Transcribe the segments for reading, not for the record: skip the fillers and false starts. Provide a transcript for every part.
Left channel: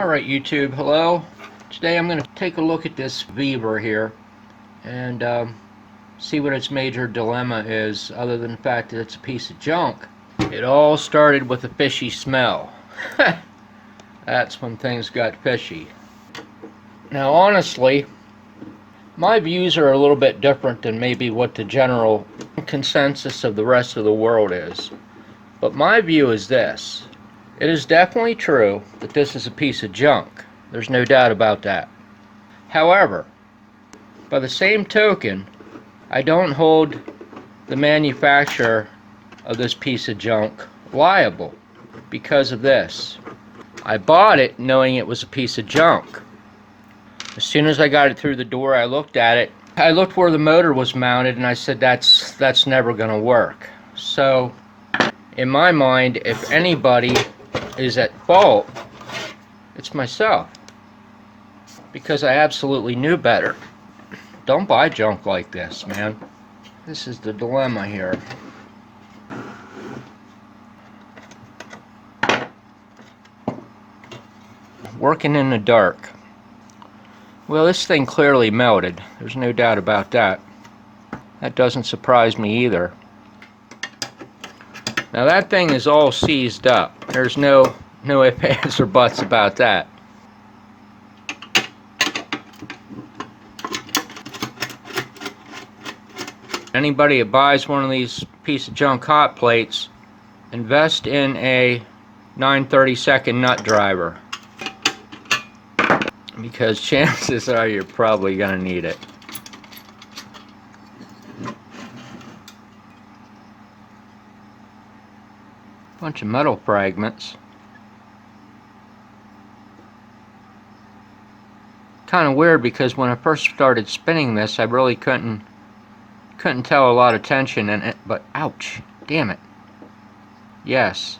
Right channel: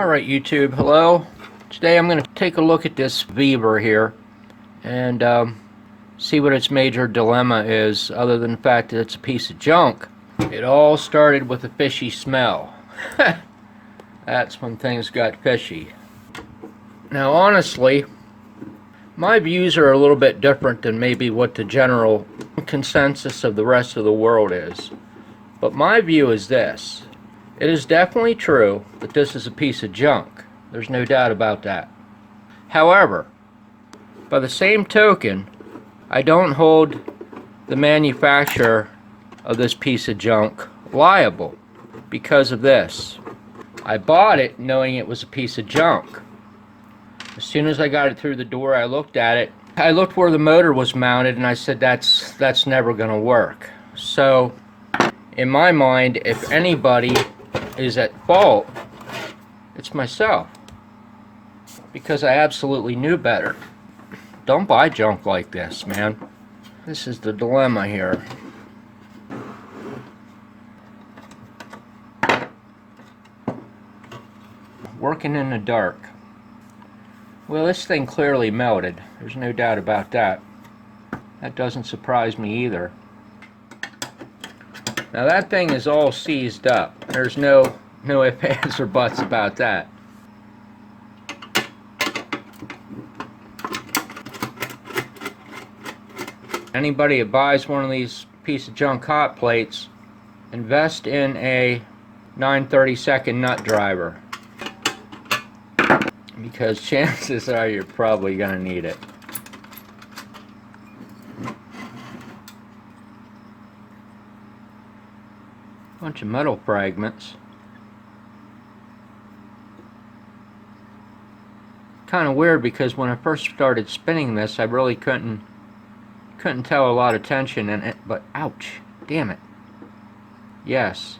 Alright YouTube, hello. Today I'm going to take a look at this vevor here and see what its major dilemma is, other than the fact that it's a piece of junk. It all started with a fishy smell. That's when things got fishy. Now honestly, my views are a little bit different than maybe what the general consensus of the rest of the world is. But my view is this. It is definitely true that this is a piece of junk. There's no doubt about that. However, by the same token, I don't hold the manufacturer of this piece of junk liable because of this. I bought it knowing it was a piece of junk. As soon as I got it through the door, I looked at it. I looked where the motor was mounted and I said that's never going to work. So, in my mind, if anybody is at fault, it's myself, because I absolutely knew better. Don't buy junk like this, man. This is the dilemma here. Working in the dark. Well, this thing clearly melted. There's no doubt about that. That doesn't surprise me either. Now that thing is all seized up. There's no ifs, ands, or buts about that. Anybody that buys one of these piece of junk hot plates, invest in a 9/32 nut driver, because chances are you're probably going to need it. Bunch of metal fragments. Kind of weird, because when I first started spinning this, I really couldn't tell a lot of tension in it, but ouch, damn it. Yes,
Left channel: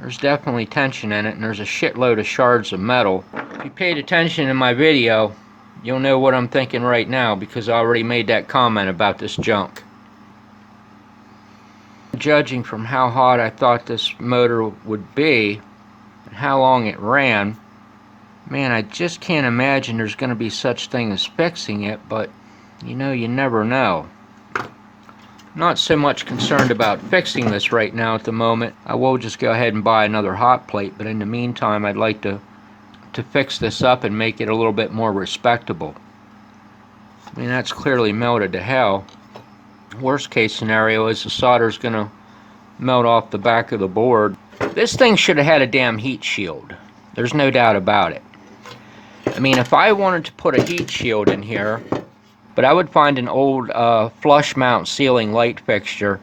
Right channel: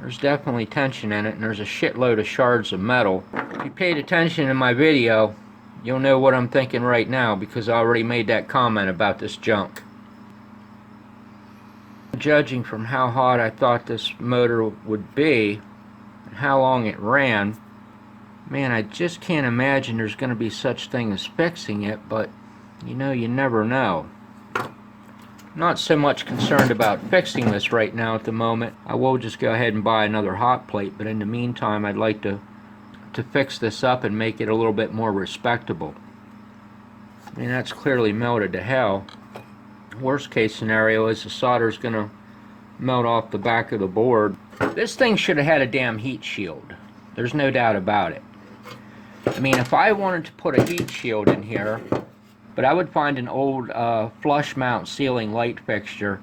there's definitely tension in it, and there's a shitload of shards of metal. If you paid attention in my video, you'll know what I'm thinking right now, because I already made that comment about this junk. Judging from how hot I thought this motor would be and how long it ran, man, I just can't imagine there's going to be such thing as fixing it, but you know, you never know. Not so much concerned about fixing this right now at the moment. I will just go ahead and buy another hot plate, but in the meantime I'd like to fix this up and make it a little bit more respectable. I mean, that's clearly melted to hell. Worst case scenario is the solder's going to melt off the back of the board. This thing should have had a damn heat shield. There's no doubt about it. I mean, if I wanted to put a heat shield in here, but I would find an old flush mount ceiling light fixture,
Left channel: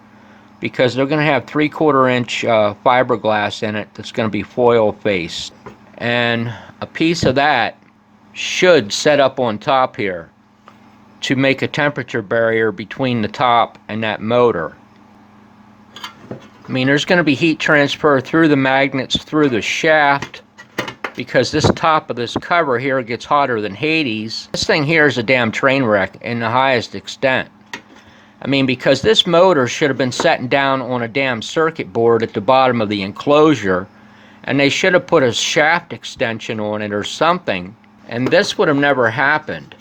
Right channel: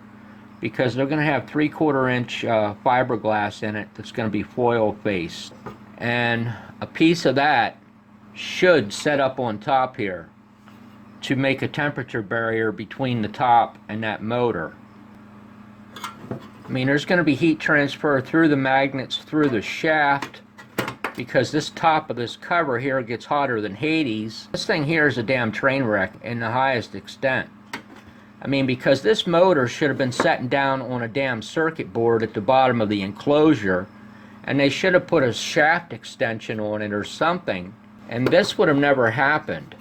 because they're going to have 3/4 inch fiberglass in it that's going to be foil faced. And a piece of that should set up on top here to make a temperature barrier between the top and that motor. I mean, there's going to be heat transfer through the magnets, through the shaft, because this top of this cover here gets hotter than Hades. This thing here is a damn train wreck in the highest extent. I mean, because this motor should have been setting down on a damn circuit board at the bottom of the enclosure, and they should have put a shaft extension on it or something, and this would have never happened.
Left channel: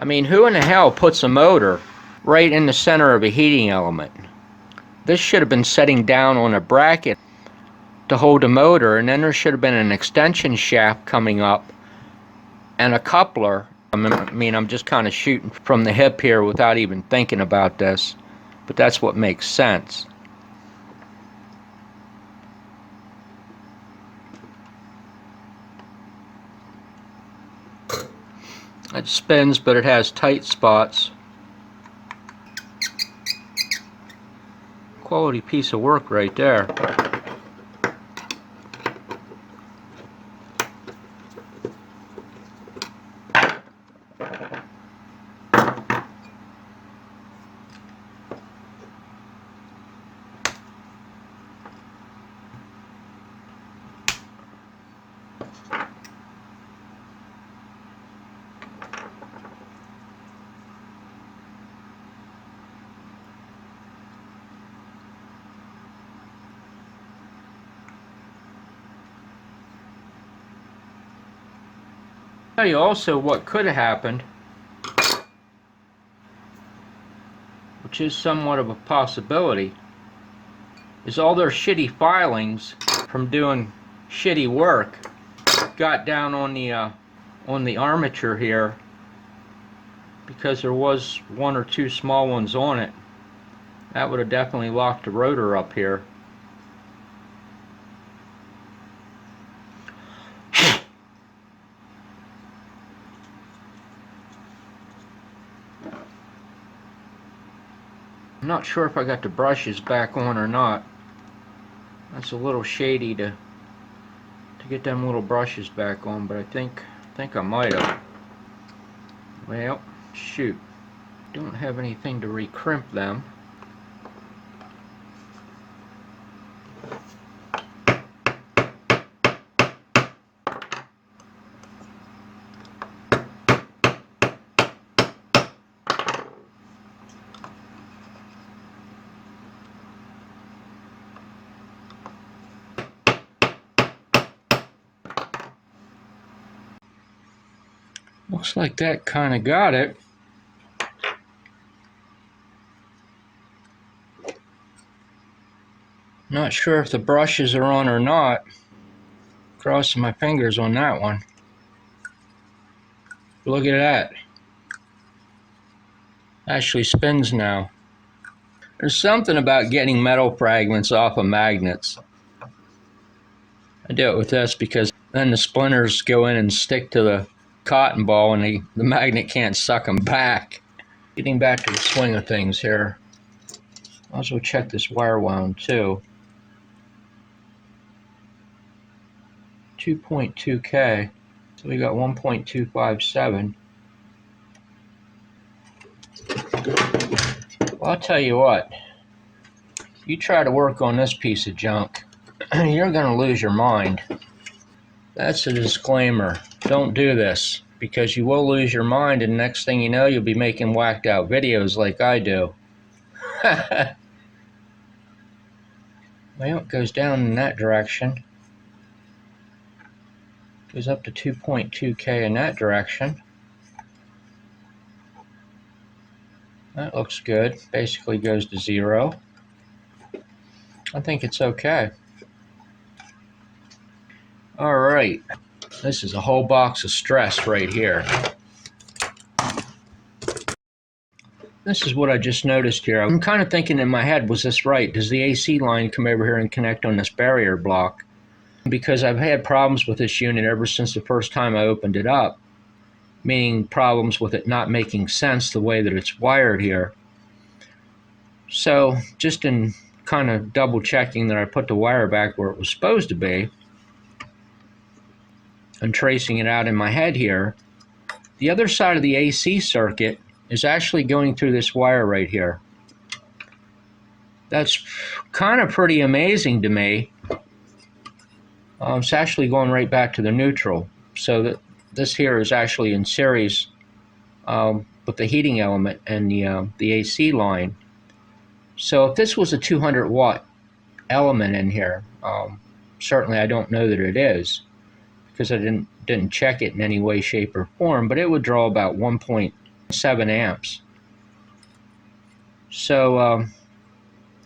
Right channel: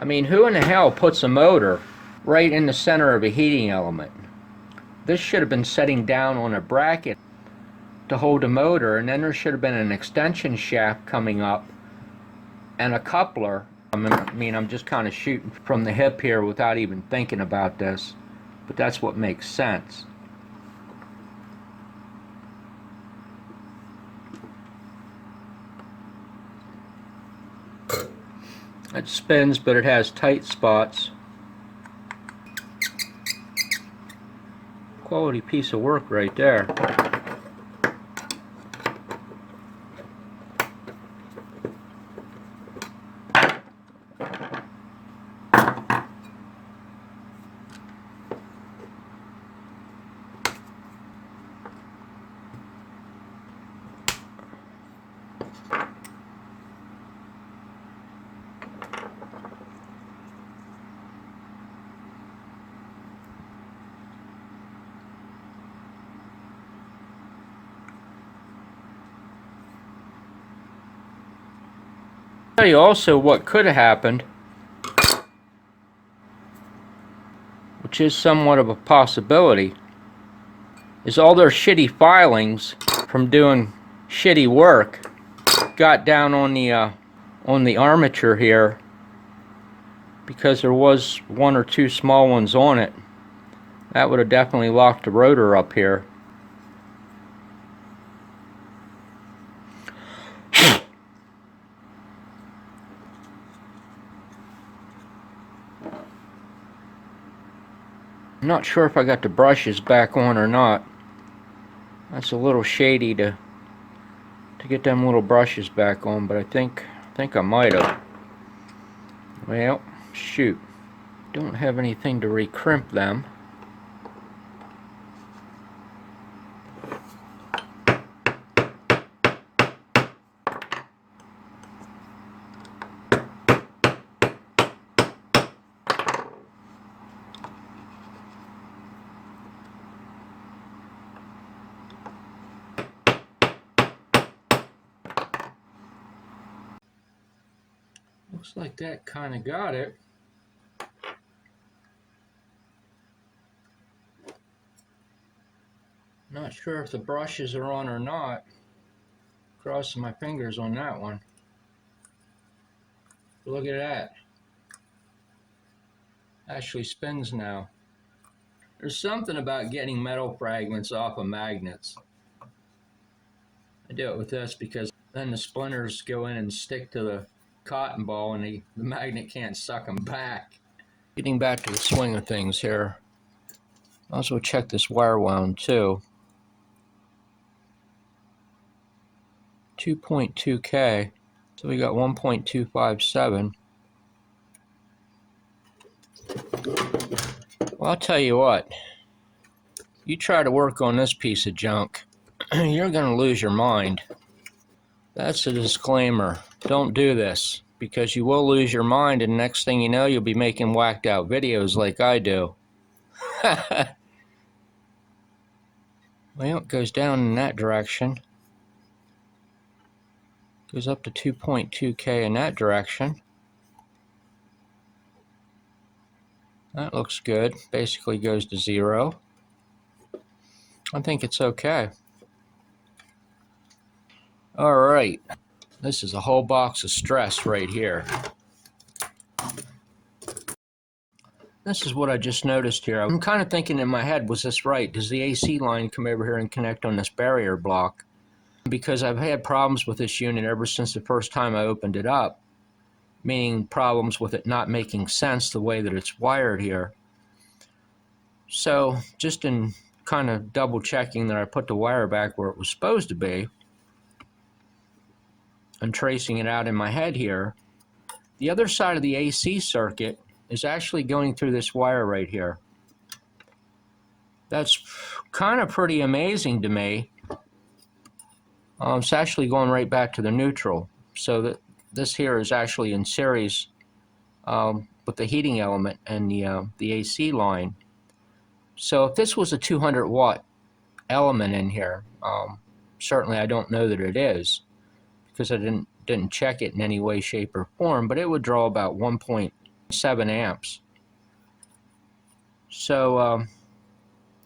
I mean, who in the hell puts a motor right in the center of a heating element? This should have been setting down on a bracket to hold the motor, and then there should have been an extension shaft coming up and a coupler. I mean, I'm just kind of shooting from the hip here without even thinking about this, but that's what makes sense. It spins, but it has tight spots. Quality piece of work right there. tell you also what could have happened, which is somewhat of a possibility, is all their shitty filings from doing shitty work got down on the armature here, because there was one or two small ones on it. That would have definitely locked the rotor up here. I'm not sure if I got the brushes back on or not. That's a little shady to get them little brushes back on, but I think I might have. Well, shoot. Don't have anything to recrimp them. Looks like that kind of got it. Not sure if the brushes are on or not. Crossing my fingers on that one. Look at that. Actually spins now. There's something about getting metal fragments off of magnets. I do it with this because then the splinters go in and stick to the cotton ball and the magnet can't suck them back. Getting back to the swing of things here. I'll also check this wire wound too. 2.2K. So we got 1.257. Well, I'll tell you what. You try to work on this piece of junk, you're going to lose your mind. That's a disclaimer. Don't do this, because you will lose your mind, and next thing you know, you'll be making whacked out videos like I do. Well, it goes down in that direction. Goes up to 2.2K in that direction. That looks good. Basically goes to 0. I think it's okay. All right. This is a whole box of stress right here. This is what I just noticed here. I'm kind of thinking in my head, was this right? Does the AC line come over here and connect on this barrier block? Because I've had problems with this unit ever since the first time I opened it up, meaning problems with it not making sense the way that it's wired here. So just in kind of double checking that I put the wire back where it was supposed to be, and tracing it out in my head here, the other side of the AC circuit is actually going through this wire right here. That's kind of pretty amazing to me. It's actually going right back to the neutral. So that this here is actually in series with the heating element and the AC line. So if this was a 200 watt element in here, certainly I don't know that it is, because I didn't check it in any way, shape, or form, but it would draw about 1.7 amps. So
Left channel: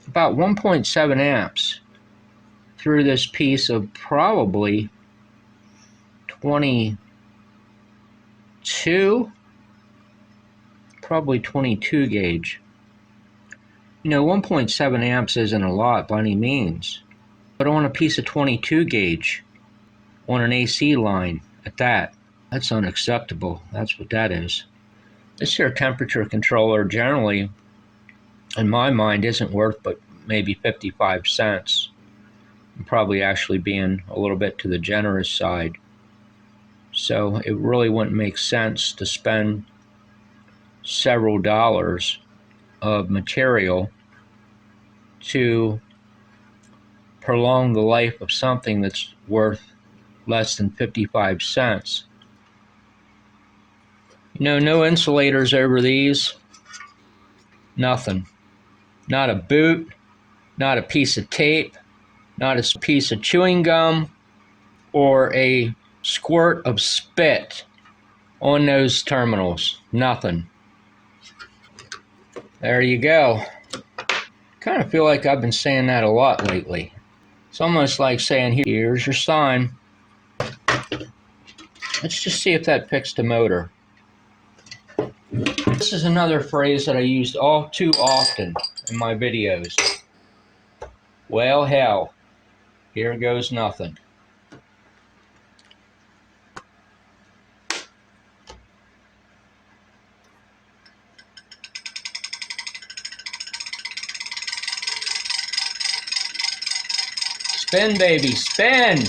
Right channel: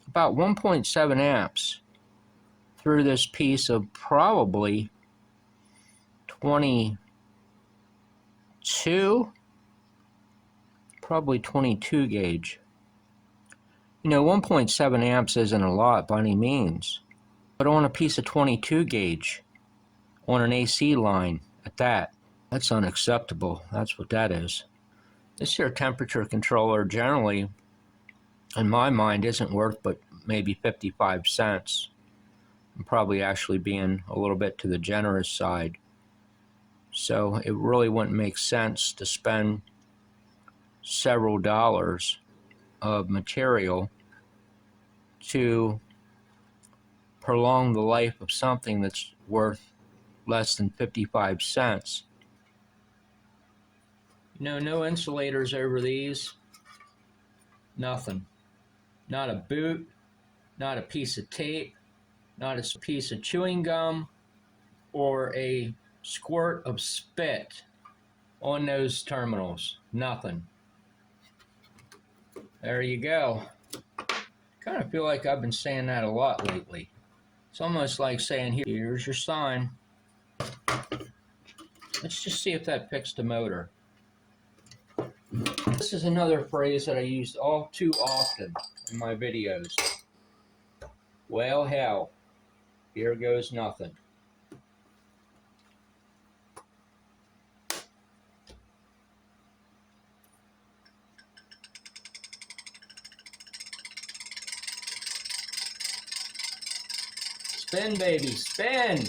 about 1.7 amps through this piece of probably 22 gauge. You know, 1.7 amps isn't a lot by any means, but on a piece of 22 gauge on an AC line at that, that's unacceptable. That's what that is. This here temperature controller generally, in my mind, isn't worth but maybe 55 cents. I'm probably actually being a little bit to the generous side. So it really wouldn't make sense to spend several dollars of material to prolong the life of something that's worth less than 55 cents. You know, no insulators over these. Nothing. Not a boot, not a piece of tape, not a piece of chewing gum, or a squirt of spit on those terminals. Nothing. There you go. Kind of feel like I've been saying that a lot lately. It's almost like saying, here's your sign. Let's just see if that picks the motor. This is another phrase that I used all too often in my videos. Well, hell, here goes nothing. Spin, baby, spin!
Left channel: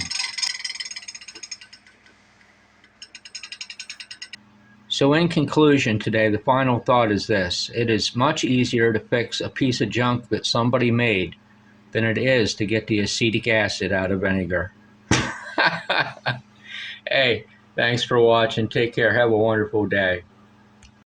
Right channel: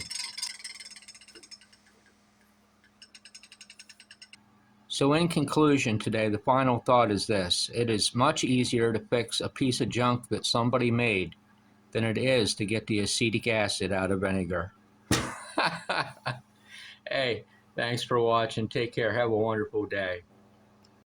So in conclusion today, the final thought is this. It is much easier to fix a piece of junk that somebody made than it is to get the acetic acid out of vinegar. Hey, thanks for watching. Take care. Have a wonderful day.